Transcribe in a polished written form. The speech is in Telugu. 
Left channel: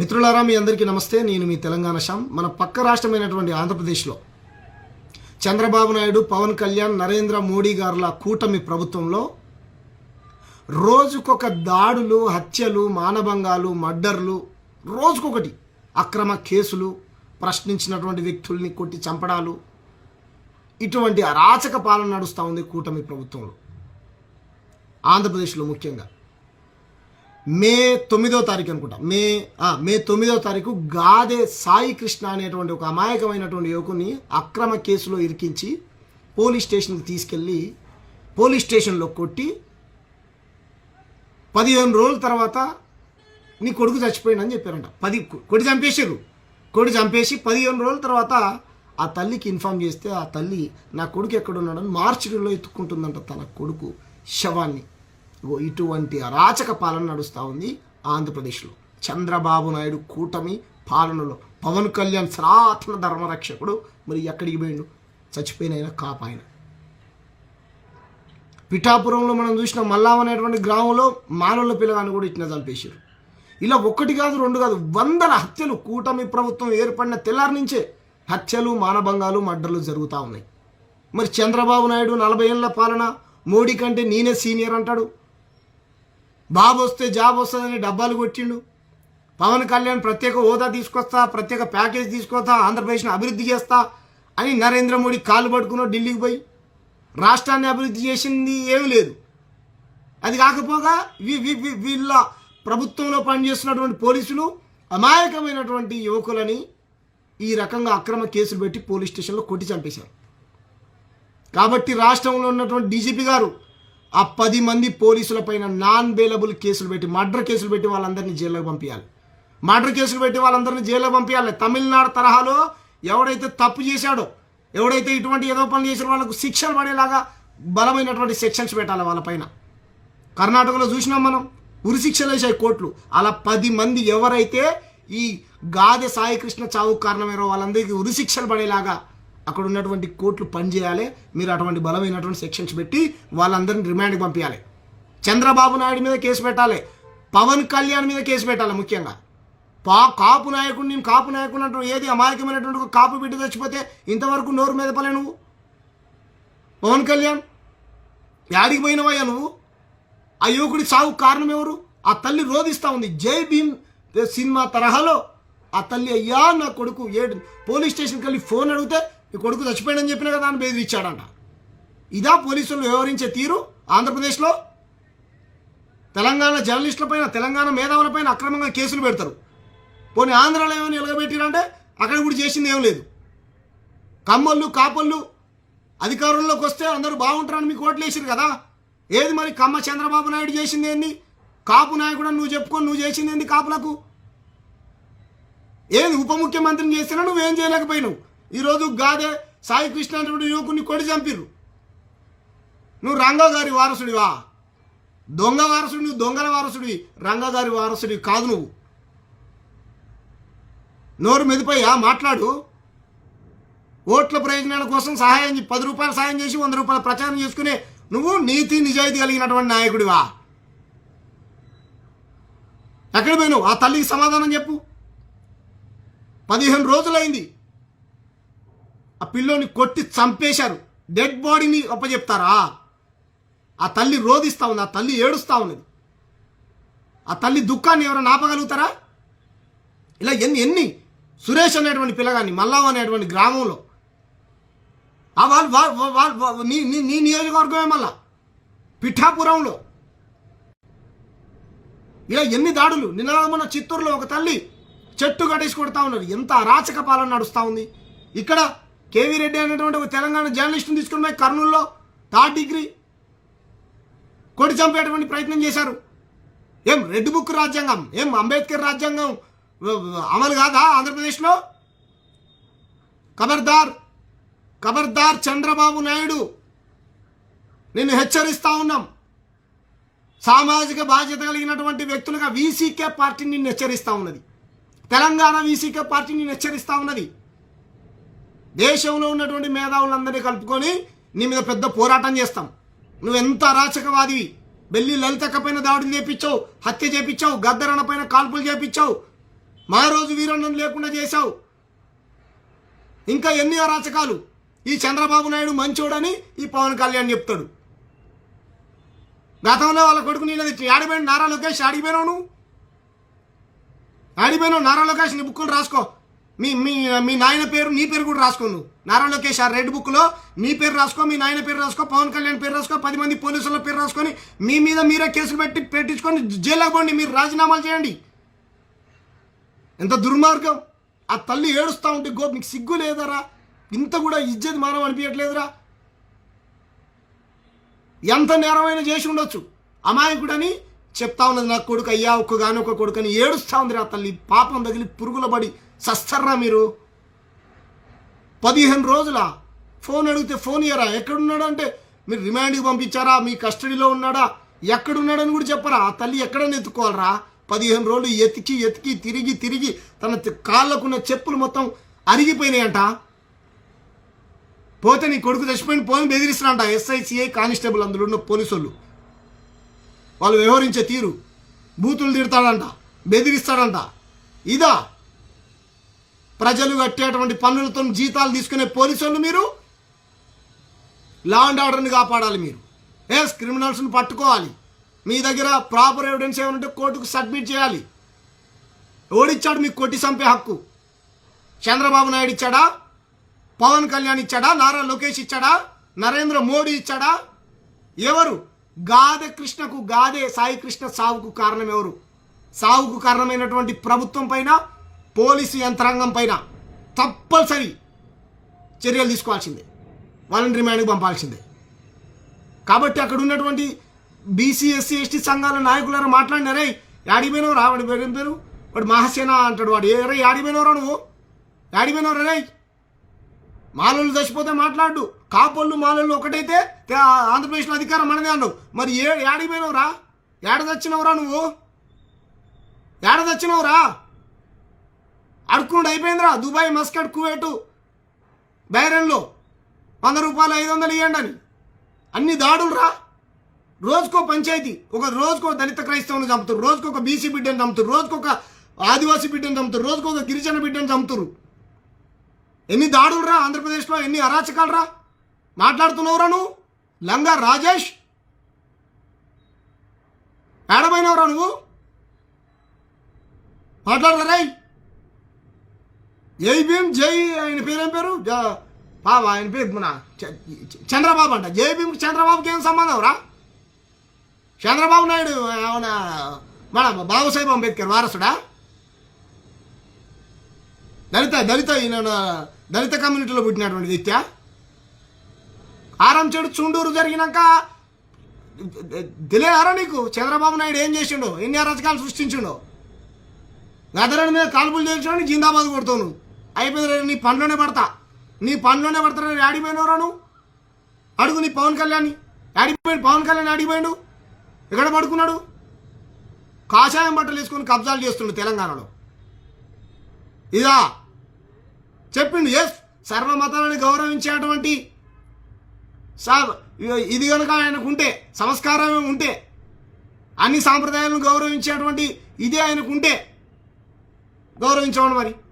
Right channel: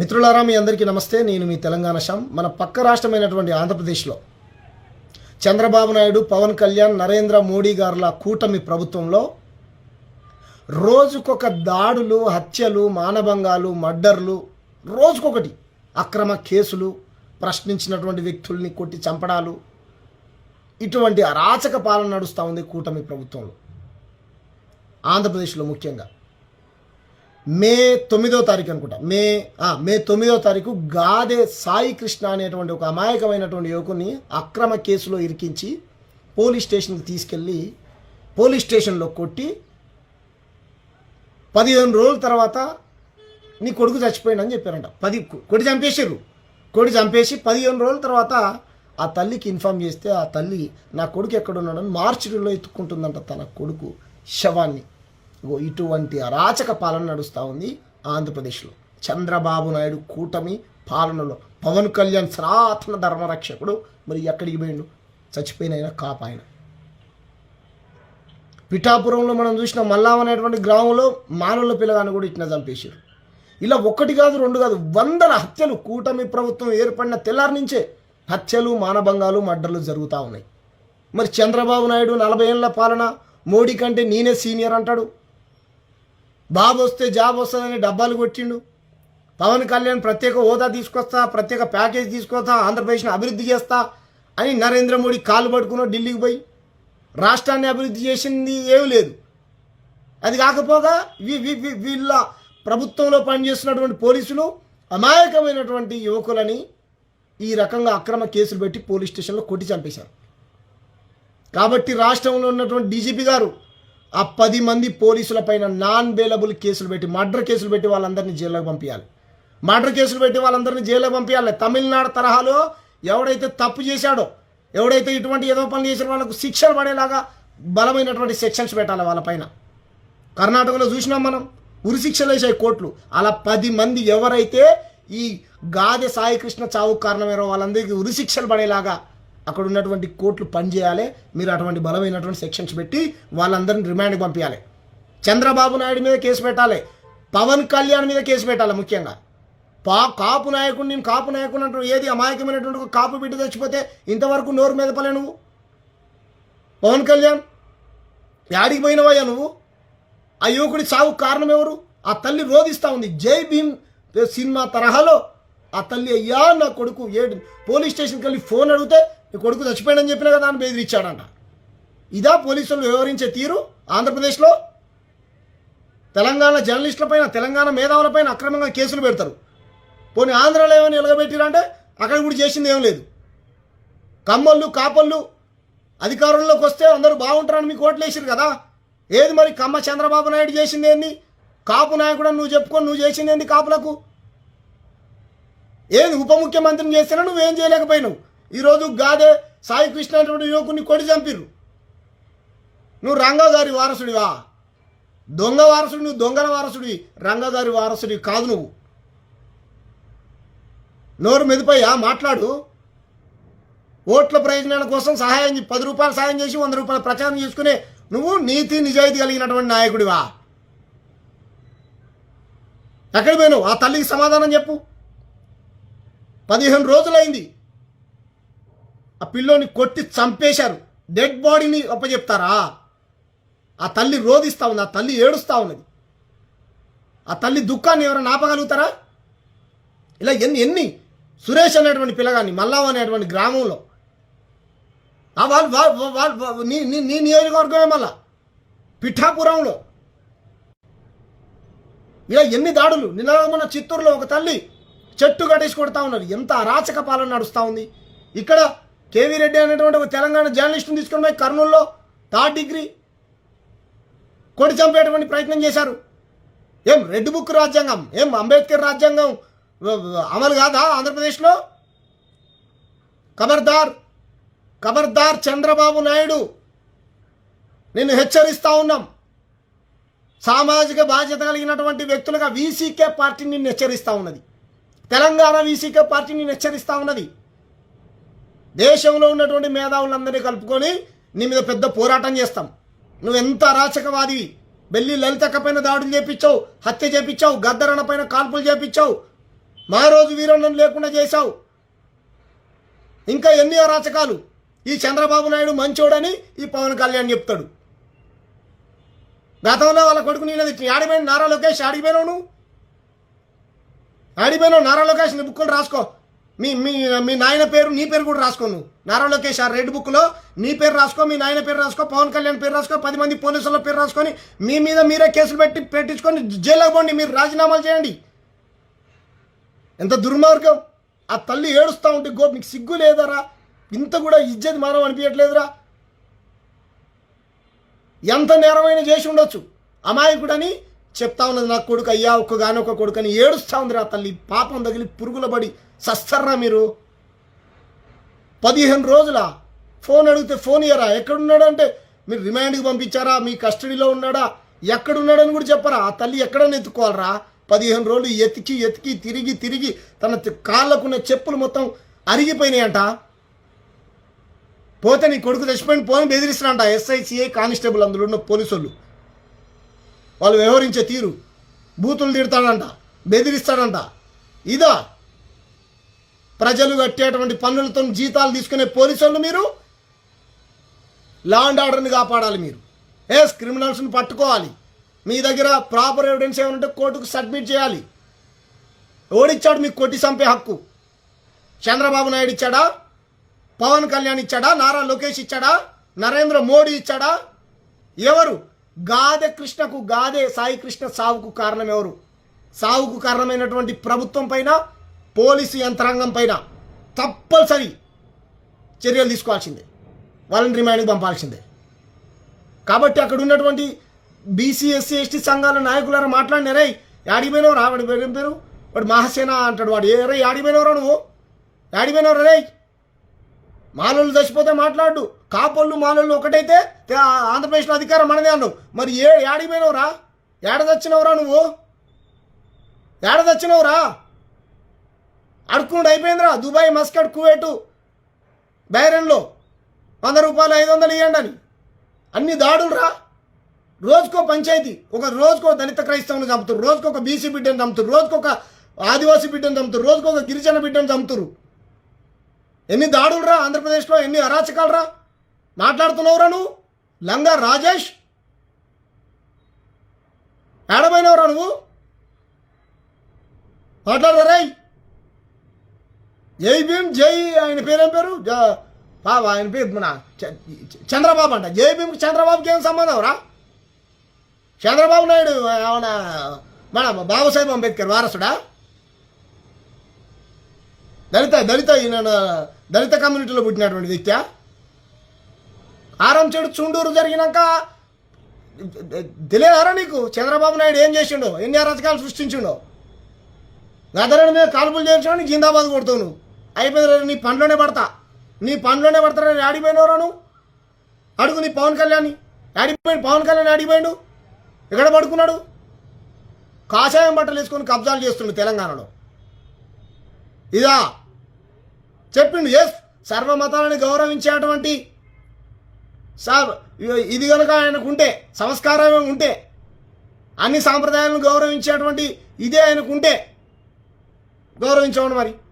మిత్రులారా మీ అందరికీ నమస్తే. నేను మీ తెలంగాణ శ్యామ్. మన పక్క రాష్ట్రమైనటువంటి ఆంధ్రప్రదేశ్లో చంద్రబాబు నాయుడు, పవన్ కళ్యాణ్, నరేంద్ర మోడీ గారుల కూటమి ప్రభుత్వంలో రోజుకొక దాడులు, హత్యలు, మానభంగాలు, మర్డర్లు, రోజుకొకటి అక్రమ కేసులు, ప్రశ్నించినటువంటి వ్యక్తుల్ని కొట్టి చంపడాలు, ఇటువంటి అరాచక పాలన నడుస్తూ ఉంది కూటమి ప్రభుత్వంలో. ఆంధ్రప్రదేశ్లో ముఖ్యంగా మే 9వ తారీఖు అనుకుంటా, మే 9వ తారీఖు గాదే సాయి కృష్ణ అనేటువంటి ఒక అమాయకమైనటువంటి యువకుని అక్రమ కేసులో ఇరికించి పోలీస్ స్టేషన్కి తీసుకెళ్ళి పోలీస్ స్టేషన్లో కొట్టి 15 రోజుల తర్వాత నీ కొడుకు చచ్చిపోయిందని చెప్పారంట. కొడి చంపేసి 15 రోజుల తర్వాత ఆ తల్లికి ఇన్ఫామ్ చేస్తే ఆ తల్లి నా కొడుకు ఎక్కడున్నాడని మార్చిలో ఎత్తుక్కుంటుందంట తన కొడుకు శవాన్ని. ఇటువంటి అరాచక పాలన నడుస్తూ ఉంది ఆంధ్రప్రదేశ్లో. చంద్రబాబు నాయుడు కూటమి పాలనలో పవన్ కళ్యాణ్ సనాతన ధర్మరక్షకుడు మరి ఎక్కడికి పోయిండు? చచ్చిపోయిన కాపాయన. పిఠాపురంలో మనం చూసిన మల్లాం అనేటువంటి గ్రామంలో మానవుల పిల్లగాన్ని కూడా ఇట్లా చంపేశారు. ఇలా ఒకటి కాదు, రెండు కాదు, వందల హత్యలు కూటమి ప్రభుత్వం ఏర్పడిన తెల్లారి నుంచే హత్యలు, మానభంగాలు, మర్డర్లు జరుగుతూ ఉన్నాయి. మరి చంద్రబాబు నాయుడు 40 ఏళ్ల పాలన, మోడీ కంటే నేనే సీనియర్ అంటాడు. బాబు వస్తే జాబ్ వస్తుందని డబ్బాలు కొట్టిండు. పవన్ కళ్యాణ్ ప్రత్యేక హోదా తీసుకొస్తా, ప్రత్యేక ప్యాకేజ్ తీసుకొస్తా, ఆంధ్రప్రదేశ్ని అభివృద్ధి చేస్తా అని నరేంద్ర మోడీ కాళ్ళు పట్టుకుని ఢిల్లీకి పోయి రాష్ట్రాన్ని అభివృద్ధి చేసింది ఏమీ లేదు. అది కాకపోగా వీళ్ళ ప్రభుత్వంలో పనిచేస్తున్నటువంటి పోలీసులు అమాయకమైనటువంటి యువకులని ఈ రకంగా అక్రమ కేసులు పెట్టి పోలీస్ స్టేషన్లో కొట్టి చంపేశారు. కాబట్టి రాష్ట్రంలో ఉన్నటువంటి డీజీపీ గారు ఆ 10 మంది పోలీసుల పైన నాన్ బెయిలబుల్ కేసులు పెట్టి, మర్డర్ కేసులు పెట్టి వాళ్ళందరినీ జైల్లోకి పంపించాలి. తమిళనాడు తరహాలో ఎవడైతే తప్పు చేశాడో, ఎవడైతే ఇటువంటి ఏదో పనులు చేసిన వాళ్ళకు శిక్షలు పడేలాగా బలమైనటువంటి సెక్షన్స్ పెట్టాలి వాళ్ళపైన. కర్ణాటకలో చూసినాం మనం, ఉరి శిక్షలు వేసాయి కోర్టులు. అలా 10 మంది ఎవరైతే ఈ గాదె సాయి కృష్ణ చావుకు కారణమయ్యారో వాళ్ళందరికీ ఉరి శిక్షలు పడేలాగా అక్కడ ఉన్నటువంటి కోర్టులు పనిచేయాలి. మీరు అటువంటి బలమైనటువంటి సెక్షన్స్ పెట్టి వాళ్ళందరినీ రిమాండ్కి పంపించాలి. చంద్రబాబు నాయుడు మీద కేసు పెట్టాలి, పవన్ కళ్యాణ్ మీద కేసు పెట్టాలి. ముఖ్యంగా కాపు నాయకుడు, నేను కాపు నాయకుడు అంటూ ఏది అమాయకమైనటువంటి కాపు బిడ్డ చచ్చిపోతే ఇంతవరకు నోరు మెదపలే నువ్వు. పవన్ కళ్యాణ్ యాడికి పోయినవయ్యా నువ్వు? ఆ యువకుడి సాగుకు కారణం ఎవరు? ఆ తల్లి రోధిస్తూ ఉంది. జై భీమ్ సినిమా తరహాలో ఆ తల్లి, అయ్యా నా కొడుకు పోలీస్ స్టేషన్కి వెళ్ళి ఫోన్ అడిగితే నీ కొడుకు చచ్చిపోయాడని చెప్పినా కదా అని బెదిరించాడంట. ఇదా పోలీసులు వ్యవహరించే తీరు ఆంధ్రప్రదేశ్లో? తెలంగాణ జర్నలిస్టులపైన, తెలంగాణ మేధావులపైన అక్రమంగా కేసులు పెడతారు. పోనీ ఆంధ్రాలో ఏమైనా నిలబెట్టిరంటే అక్కడ కూడా చేసింది ఏం లేదు. కమ్మళ్ళు, కాపళ్ళు అధికారంలోకి వస్తే అందరూ బాగుంటారని మీకు ఓట్లు వేసారు కదా. ఏది మరి కమ్మ చంద్రబాబు నాయుడు చేసింది ఏంది? కాపు నాయకుడు నువ్వు చెప్పుకొని నువ్వు చేసింది ఏంది కాపులకు? ఏది ఉప ముఖ్యమంత్రిని చేసినా నువ్వేం చేయలేకపోయినావు. ఈరోజు గాదే సాయి కృష్ణ అనేటువంటి యువకుని కొడి చంపిర్రు. నువ్వు రంగా గారి వారసుడివా? దొంగ వారసుడు, నువ్వు దొంగల వారసుడివి, రంగా గారి వారసుడివి కాదు నువ్వు. నోరు మెదిపోయా మాట్లాడు. ఓట్ల ప్రయోజనాల కోసం సహాయం 10 రూపాయలు సాయం చేసి 100 రూపాయలు ప్రచారం చేసుకునే నువ్వు నీతి నిజాయితీ కలిగినటువంటి నాయకుడివా? ఎక్కడ పోయినావు? ఆ తల్లికి సమాధానం చెప్పు. 15 రోజులైంది ఆ పిల్లోని కొట్టి చంపేశారు. డెడ్ బాడీని అప్పచెప్తారా? ఆ తల్లి రోధిస్తూ ఉంది, ఆ తల్లి ఏడుస్తూ ఉన్నది. ఆ తల్లి దుఃఖాన్ని ఎవరైనా ఆపగలుగుతారా? ఇలా ఎన్ని సురేష్ అనేటువంటి పిల్లగాన్ని మల్లాం అనేటువంటి గ్రామంలో నీ నియోజకవర్గమే మళ్ళా పిఠాపురంలో ఇలా ఎన్ని దాడులు. నిన్న చిత్తూరులో ఒక తల్లి చెట్టు కట్టేసి కొడతా ఉన్నారు. ఎంత అరాచక పాలన నడుస్తూ ఉంది. ఇక్కడ కేవీ రెడ్డి అనేటువంటి ఒక తెలంగాణ జర్నలిస్టుని తీసుకుని పోయి కర్నూలులో 3rd డిగ్రీ కొడి చంపేటువంటి ప్రయత్నం చేశారు. ఏం రెడ్ బుక్ రాజ్యాంగం, ఏం అంబేద్కర్ రాజ్యాంగం అమలు కాదా ఆంధ్రప్రదేశ్లో? ఖబర్దార్ చంద్రబాబు నాయుడు, నిన్ను హెచ్చరిస్తూ ఉన్నాం. సామాజిక బాధ్యత కలిగినటువంటి వ్యక్తులుగా వీసీకే పార్టీ నిన్ను హెచ్చరిస్తూ ఉన్నది. తెలంగాణ వీసీకే పార్టీ నిన్ను హెచ్చరిస్తూ ఉన్నది. దేశంలో ఉన్నటువంటి మేధావులందరినీ కలుపుకొని నీ మీద పెద్ద పోరాటం చేస్తాం. నువ్వెంత అరాచకవాదివి. బెల్లి లలితక్క పైన దాడులు చేపించావు, హత్య చేపించావు, గద్దరన్న పైన కాల్పులు చేపించావు, మా రోజు వీరన్నను లేకుండా చేశావు. ఇంకా ఎన్ని అరాచకాలు. ఈ చంద్రబాబు నాయుడు మంచోడని ఈ పవన్ కళ్యాణ్ చెప్తాడు. గతంలో వాళ్ళ కొడుకు నేను ఆడిపోయిన నారా లోకేష్ ఆడిపోయినావు. నువ్వు ఆడిపోయినావు. నారా లోకేష్ నీ బుక్కులు రాసుకో. మీ మీ మీ నాయన పేరు నీ పేరు కూడా రాసుకో. నువ్వు నారా లోకేష్ ఆ రెడ్ బుక్లో నీ పేరు రాసుకో, మీ నాయన పేరు రాసుకో, పవన్ కళ్యాణ్ పేరు రాసుకో, 10 మంది పోలీసుల పేరు రాసుకొని మీ మీద మీరే కేసులు పెట్టించుకొని జైలుకి పోండి. మీరు రాజీనామాలు చేయండి. ఎంత దుర్మార్గం. ఆ తల్లి ఏడుస్తూ ఉంటే నీకు సిగ్గు లేదరా? ఇంత కూడా ఇజ్జత్ మానం అనిపించట్లేదురా? ఎంత నేరమైన చేసి ఉండొచ్చు. అమాయకుడని చెప్తా ఉన్నది నా కొడుకు, అయ్యా ఒక్కగానొక్క కొడుకు అని ఏడుస్తూ ఉంది ఆ తల్లి. పాపం తగిలి పురుగుల పడి సస్తర్రా మీరు. 15 రోజుల ఫోన్ అడిగితే ఫోన్ ఇయ్యరా? ఎక్కడున్నాడు అంటే మీరు రిమాండ్కి పంపించారా, మీ కస్టడీలో ఉన్నాడా, ఎక్కడున్నాడని కూడా చెప్పరా? ఆ తల్లి ఎక్కడని ఎత్తుకోవాలరా? 15 రోజులు ఎతికి ఎతికి తిరిగి తిరిగి తన కాళ్ళకున్న చెప్పులు మొత్తం అరిగిపోయినాయంట. పోతే నీ కొడుకు తెచ్చిపోయిన పోని బెదిరిస్తారంట ఎస్ఐ, సిఐ, కానిస్టేబుల్ అందులో ఉన్న పోలీసులు. వాళ్ళు వ్యవహరించే తీరు, బూతులు తిడతాడంట, బెదిరిస్తాడంట. ఇదా ప్రజలు కట్టేటువంటి పన్నులతో జీతాలు తీసుకునే పోలీసులు మీరు? లా అండ్ ఆర్డర్ని కాపాడాలి మీరు. క్రిమినల్స్ని పట్టుకోవాలి. మీ దగ్గర ప్రాపర్ ఎవిడెన్స్ ఏమంటే కోర్టుకు సబ్మిట్ చేయాలి. ఓడిచ్చాడు మీకు కొట్టి చంపే హక్కు? చంద్రబాబు నాయుడు ఇచ్చాడా? పవన్ కళ్యాణ్ ఇచ్చాడా? నారా లోకేష్ ఇచ్చాడా? నరేంద్ర మోడీ ఇచ్చాడా? ఎవరు? గాదె కృష్ణకు, గాదె సాయి కృష్ణ సావుకు కారణం ఎవరు? సావుకు కారణమైనటువంటి ప్రభుత్వం పైన, పోలీసు యంత్రాంగం పైన తప్పనిసరి చర్యలు తీసుకోవాల్సిందే. వాళ్ళని రిమాండ్కి పంపాల్సిందే. కాబట్టి అక్కడ ఉన్నటువంటి బీసీ, ఎస్సీ, ఎస్టీ సంఘాల నాయకులారా మాట్లాడినారే, యాడిపోయినవరా? వాడి పేరు వాడు మహాసేన అంటాడు. వాడు ఏరే యాడిపోయినవరా? నువ్వు యాడిపోయినవరా? రే మాలలు చచ్చిపోతే మాట్లాడు. కాపోళ్ళు మాలలు ఒకటైతే ఆంధ్రప్రదేశ్లో అధికారం మనదే అన్నావు. మరి యాడిపోయినవరా? ఏడ తెచ్చినవరా? నువ్వు ఏడ తెచ్చినవరా? అడుక్కున్నాడు అయిపోయిందిరా. దుబాయ్, మస్కట్, కువైట్, బైరన్లో 100 రూపాయలు 500 ఇవ్వండి అని అన్ని దాడులు రా. రోజుకో పంచాయతీ, ఒక రోజుకో దళిత క్రైస్తవుని చంపుతారు, రోజుకొక బీసీ బిడ్డను చంపుతారు, రోజుకొక ఆదివాసీ బిడ్డను చంపుతారు, రోజుకొక గిరిజన బిడ్డను చంపుతారు. ఎన్ని దాడులు రా ఆంధ్రప్రదేశ్లో, ఎన్ని అరాచకాలు రా. మాట్లాడుతున్నావురా నువ్వు? లంగా రాజేష్ ఏడబోయినవరా నువ్వు? మాట్లాడరా? జై భీమ్, జై ఆయన పేరేం పేరు? బాబా ఆయన పేరు మన చంద్రబాబు అంట. జై భీమ్కి చంద్రబాబుకి ఏం సంబంధం రా? చంద్రబాబు నాయుడు ఏమన్నా మన బాబాసాహెబ్ అంబేద్కర్ వారసుడా? దళిత కమ్యూనిటీలో పుట్టినటువంటి వ్యక్తి. ఆరంచేడు చుండూరు జరిగినాక తెలియదారా నీకు చంద్రబాబు నాయుడు ఏం చేసిండో, ఎన్ని అరాచకాలు సృష్టించిండో? గదరని మీద కాల్పులు చేయించడానికి జిందాబాద్ కొడతావు నువ్వు. అయిపోయింది, నీ పనిలోనే పడతా, నీ పనిలోనే పడతారా? ఆడిపోయినవరా నువ్వు? అడుగు నీ పవన్ కళ్యాణ్ ఆడిపోయిండు. పవన్ కళ్యాణ్ ఆడిపోయిండు, ఎక్కడ పడుకున్నాడు? కాషాయం బట్టలు వేసుకొని కబ్జాలు చేస్తుండు తెలంగాణలో. ఇదా చెప్పిండు. సర్వమతాలను గౌరవించేటువంటి ఇది కనుక ఆయనకు ఉంటే, సంస్కారం ఉంటే, అన్ని సాంప్రదాయాలను గౌరవించేటువంటి ఇదే ఆయనకు ఉంటే గౌరవించమని మరి